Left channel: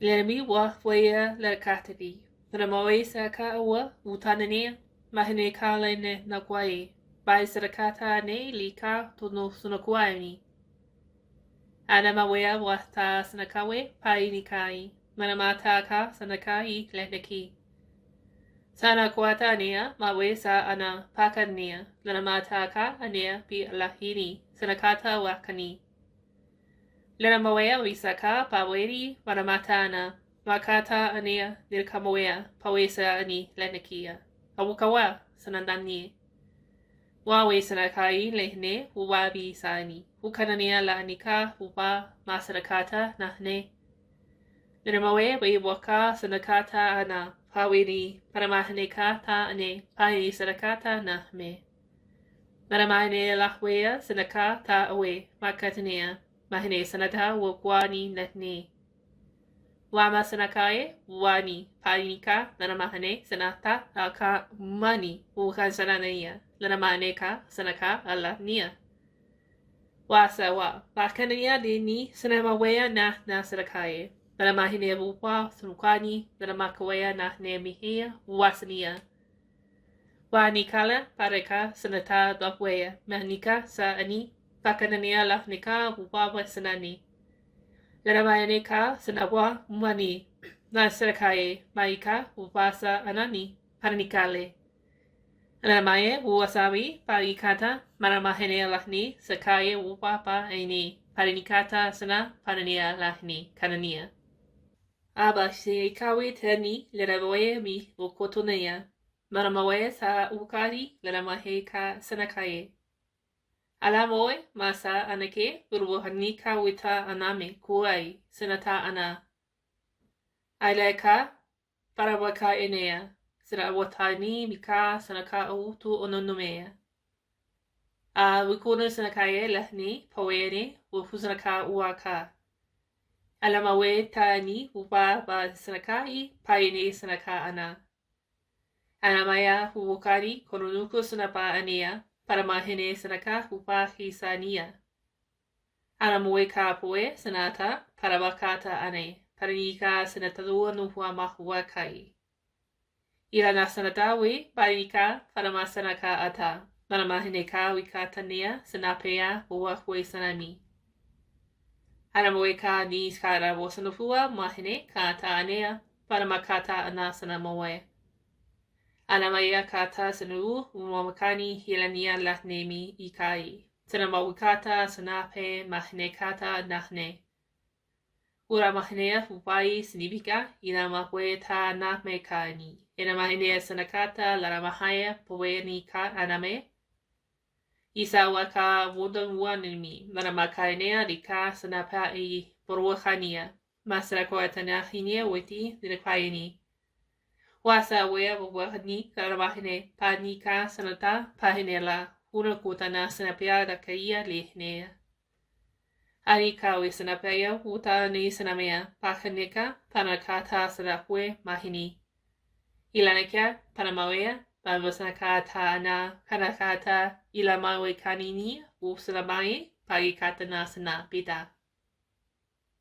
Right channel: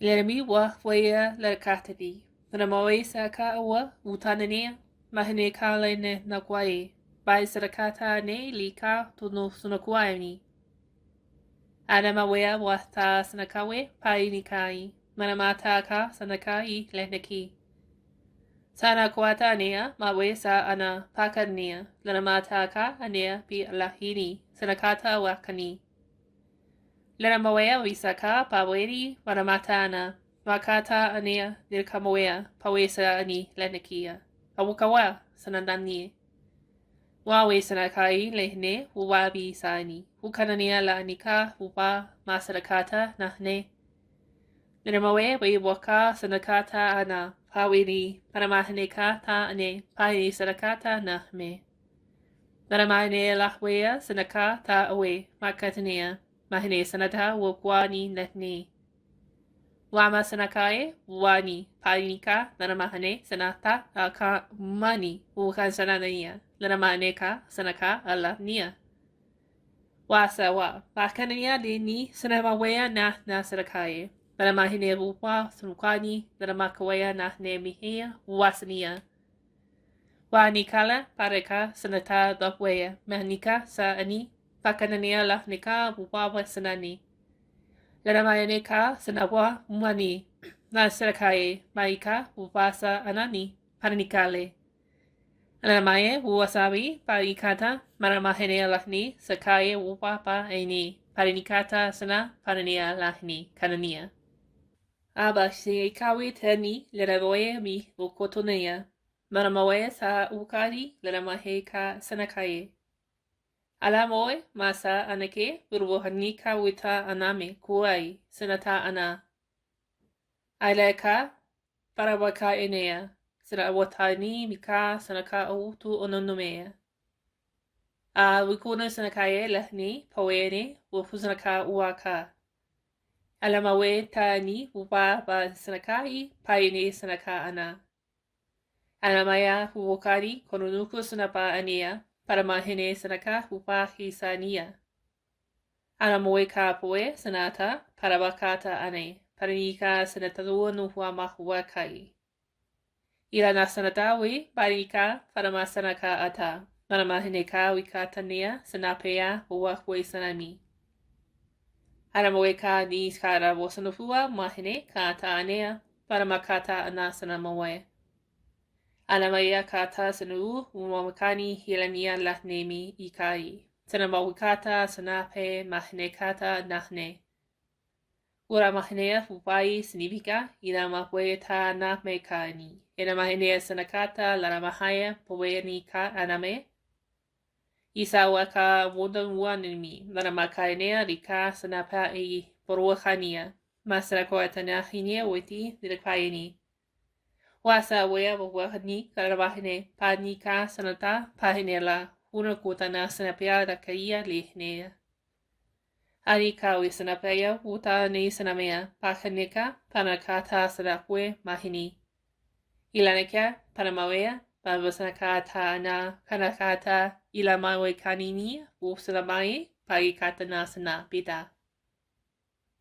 Lermi wa waya lerkatadi. Ramawe saka awa utanania mahine kale ne nakwai. Bai sarakata ne lika tunu sunakwai. Adamawea wata sanakawe pai nikai. Manamata ka sanakai lenaki. Sana kwata nea mawe sa ana pakania. Lanamata ka anea bi lahini sanakata wakani. Lenamawea wisaka paweri wanamatana. Makata anea nilkamawea pawesa ani lenakia. Awukawa sanandani. Wawe sanakai lehne uwabi sani. Ukanania la anika uba masarakata nahne. Lenamawe waka sanakata ana paweri panamahaneka ta ane pai sarakata nahme. Naramane lahwea sanaka ta awe makatania. Mahine sanata wakwani netni. Wama sanakae wani painika naramahane sanata aka mani ukan sananaya lanamaneka sanaka ala nia. Wasa wa bakania dini sanamawea na sanakae. Naramahine wupa sunukani naramakawea na nemihia wasania. Wanikala pareka sanata dapwea manika sa ani. Pakanania lahnika wupawa sanani. Laramayane sanawa mani. Nasrakaye maika wupasa anani. Paranikale. Laramaye wuwasabi parikata maramahene lahni sakaye wupapa aini. Paranikata sana parania lahni kanania. Aba se kawi tani larawaye mi wukotonaya. Maramawe sa ukari laramahe ka sanakaye. Alamoe masa anake burwohanika wita aname kuai senata ana. Aileka parawaka enea sirawatani mika sanaka autu ononomea. A wikuna sanakaye lehni pawene wufusanaka uaka. Alamawe tani upa ba sanakai paine sanaka ana. Alamaya wukari konunuku sanapa anea. Paramahine sanaka hupa hisania. Anamoe ka poe sanata parabakata ane. Paranika sanatadua nuhua mahua kai. Irana sanatawe parika paramasanaka ata. Paramahine ka wikatanea sanapea huahue sanami. Anamoe ka ni skara wasanufua mahine ka ta anea paramakata anasanamoe. Anamaya kata sanu umamakani hilania lahnemi ikai. Sanamawikata sanape mahnekata nahne. Ura mahnea fupai sinibika ina mahwe ta nahmekani. Ina mahnea sanakata laramahaya poweni ka aname. Isa waka wundanwanimi laramakainea rika sanapa e boruachania. Masarakwatana hinia witi dirakaini. Wasa wea wahani karamahine panika sanata pahinela unakutana sanapia rakaia lihnea. Anikawi sanapia utani sanamea pahanika panakata sanapwe mahini. Ilanaka panamawea pavasanakata na kanakata ilamawe kanini usanamae pagikata na sanapita.